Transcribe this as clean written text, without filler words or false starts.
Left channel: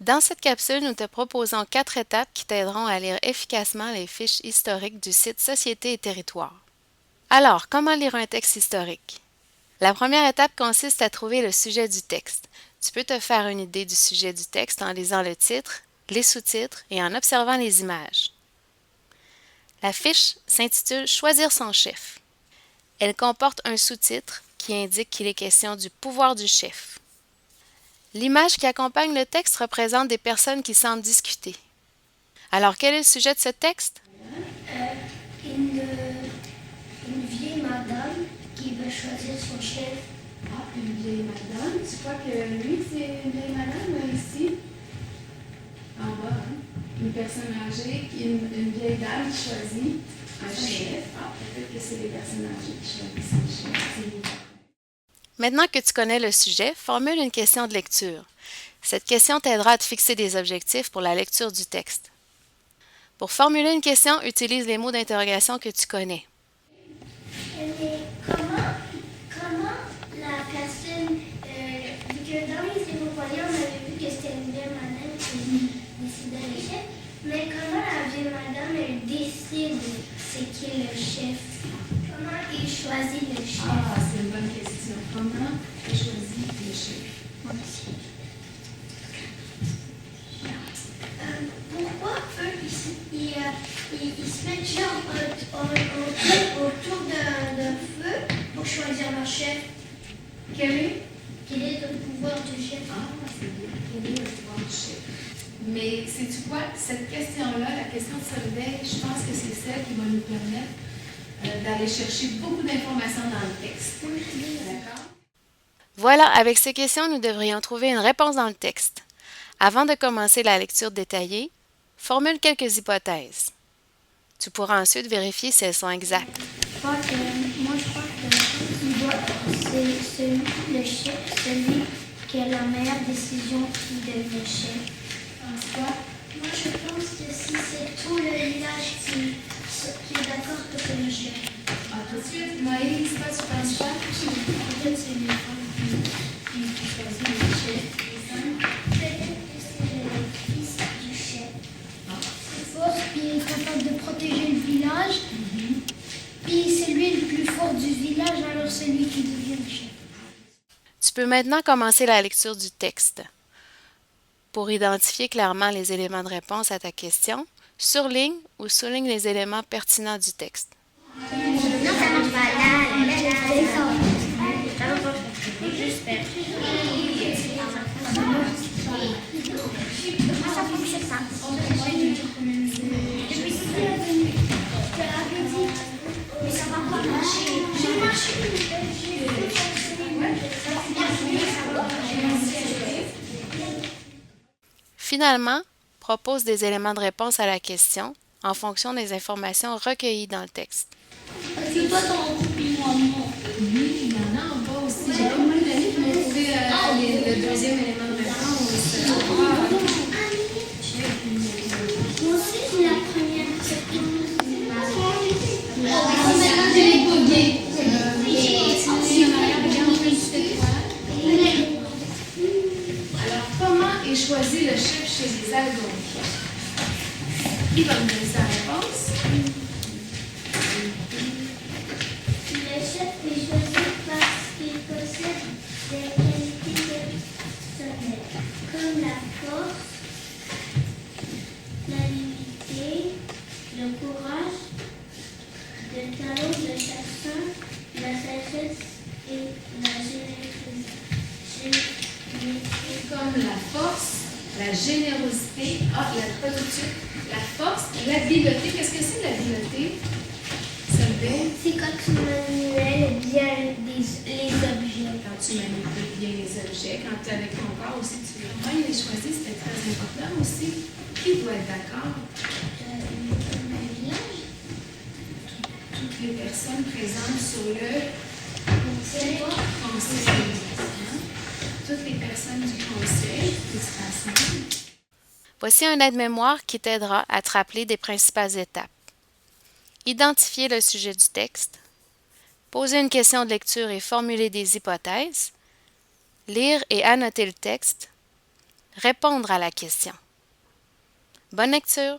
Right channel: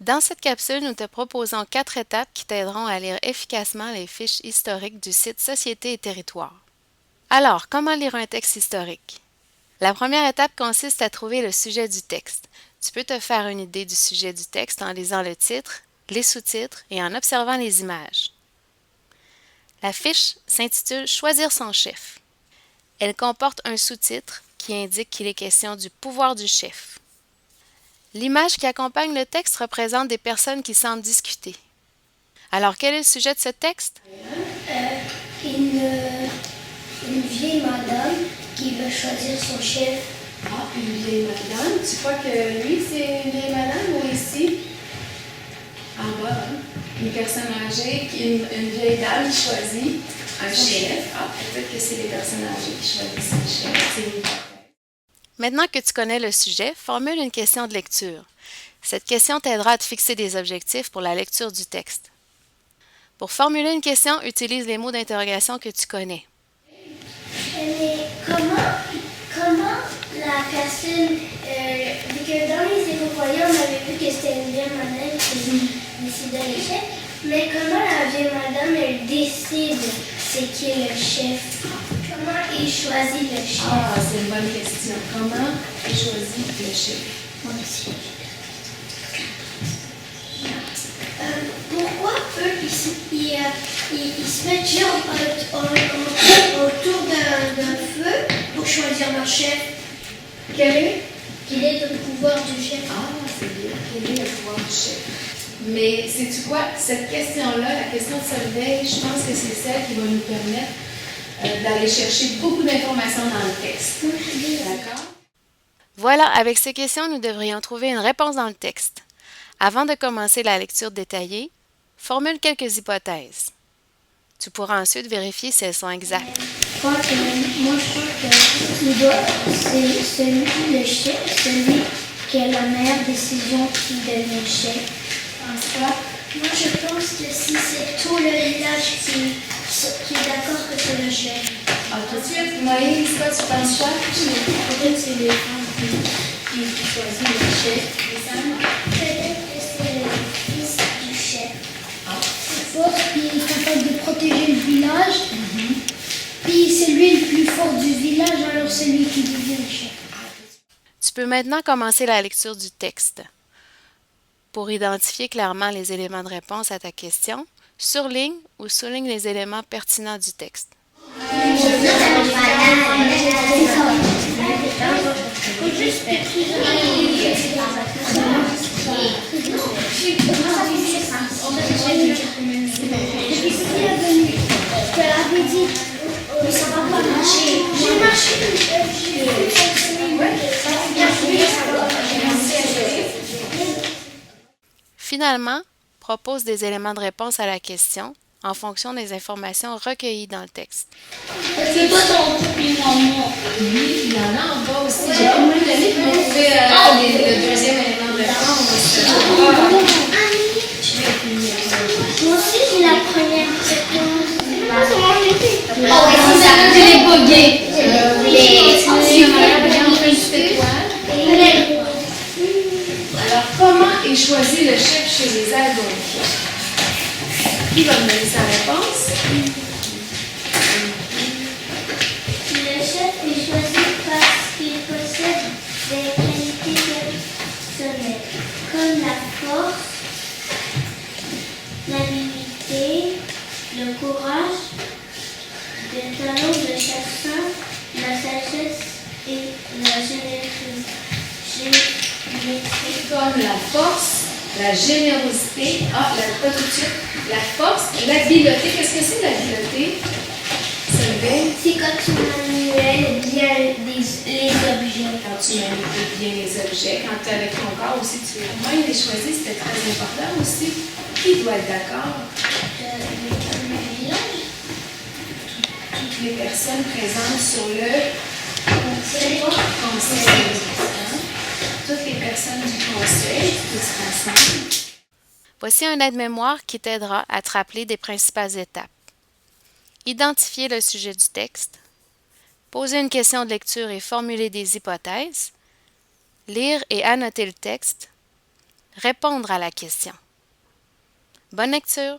Dans cette capsule, nous te proposons 4 étapes qui t'aideront à lire efficacement les fiches historiques du site Société et Territoire. Alors, comment lire un texte historique? La première étape consiste à trouver le sujet du texte. Tu peux te faire une idée du sujet du texte en lisant le titre, les sous-titres et en observant les images. La fiche s'intitule « Choisir son chef ». Elle comporte un sous-titre qui indique qu'il est question du pouvoir du chef. L'image qui accompagne le texte représente des personnes qui semblent discuter. Alors, quel est le sujet de ce texte? Une vieille madame qui veut choisir son chef. Ah, une vieille madame. Tu crois que lui, c'est une vieille madame ou ici? En bas, hein? Une personne âgée, une vieille dame qui choisit un chef. Ah, peut-être que c'est les personnes âgées qui choisissent un chef. Maintenant que tu connais le sujet, formule une question de lecture. Cette question t'aidera à te fixer des objectifs pour la lecture du texte. Pour formuler une question, utilise les mots d'interrogation que tu connais. Mais comment la personne, vu que dans les écopoyens, on avait vu que c'était une vieille madame qui décidait le chef, mais comment la vieille madame, elle décide c'est qui est le chef? Comment il choisit le chef? Ah, c'est une bonne question. Comment il choisit le chef? Moi aussi. Pourquoi eux, ils se mettent genre autour d'un feu pour choisir leur chef? Quel est? Quel est le pouvoir du chef? Ah, c'est bien. Quel est le pouvoir du chef? Mais sais-tu quoi? Cette question-là, la question de Solveig, je pense que c'est celle qui va nous permettre d'aller chercher beaucoup d'informations dans le texte. D'accord? Voilà, avec ces questions, nous devrions trouver une réponse dans le texte. Avant de commencer la lecture détaillée, formule quelques hypothèses. Tu pourras ensuite vérifier si elles sont exactes. Je crois que c'est le chef, celui qui a la meilleure décision qui devient chef. François? Moi, je pense que si c'est tout le village qui est d'accord que c'est le chef. Ah, tout de suite, Moïse, toi, tu penses quoi? Peut-être c'est les femmes qui choisissent le chef. Peut-être que c'est le fils du chef. Fort, puis il est capable de protéger le village. Puis c'est lui le plus fort du village, alors c'est lui qui devient le chef. Tu peux maintenant commencer la lecture du texte. Pour identifier clairement les éléments de réponse à ta question, surligne ou souligne les éléments pertinents du texte. Finalement, propose des éléments de réponse à la question en fonction des informations recueillies dans le texte. C'est toi ton compliment, moi. Oui, il y en a en bas aussi. J'ai pas mal donné, puis vous pouvez le deuxième élément de réponse. Moi aussi, j'ai la première réponse. Je l'ai pas bien. Alors, comment est choisi le chef chez les Algonquiens? Qui va me donner sa réponse? Le chef est choisi parce qu'il possède des qualités personnelles, comme la force, l'habileté, le courage, le talent de chasseur, la sagesse et la générosité. Comme la force, la générosité, pas tout de suite, la force, l'habileté. Qu'est-ce que c'est l'habileté? C'est quand tu manipules bien les objets. Quand tu manipules bien les objets, quand tu es avec ton corps aussi, comment il est choisi, c'était très important aussi. Qui doit être d'accord? Le village. Toutes les personnes présentes sur le conseil. Toutes les personnes du conseil qui se rassemblent. Voici un aide-mémoire qui t'aidera à te rappeler des principales étapes. Identifier le sujet du texte, poser une question de lecture et formuler des hypothèses, lire et annoter le texte, répondre à la question. Bonne lecture!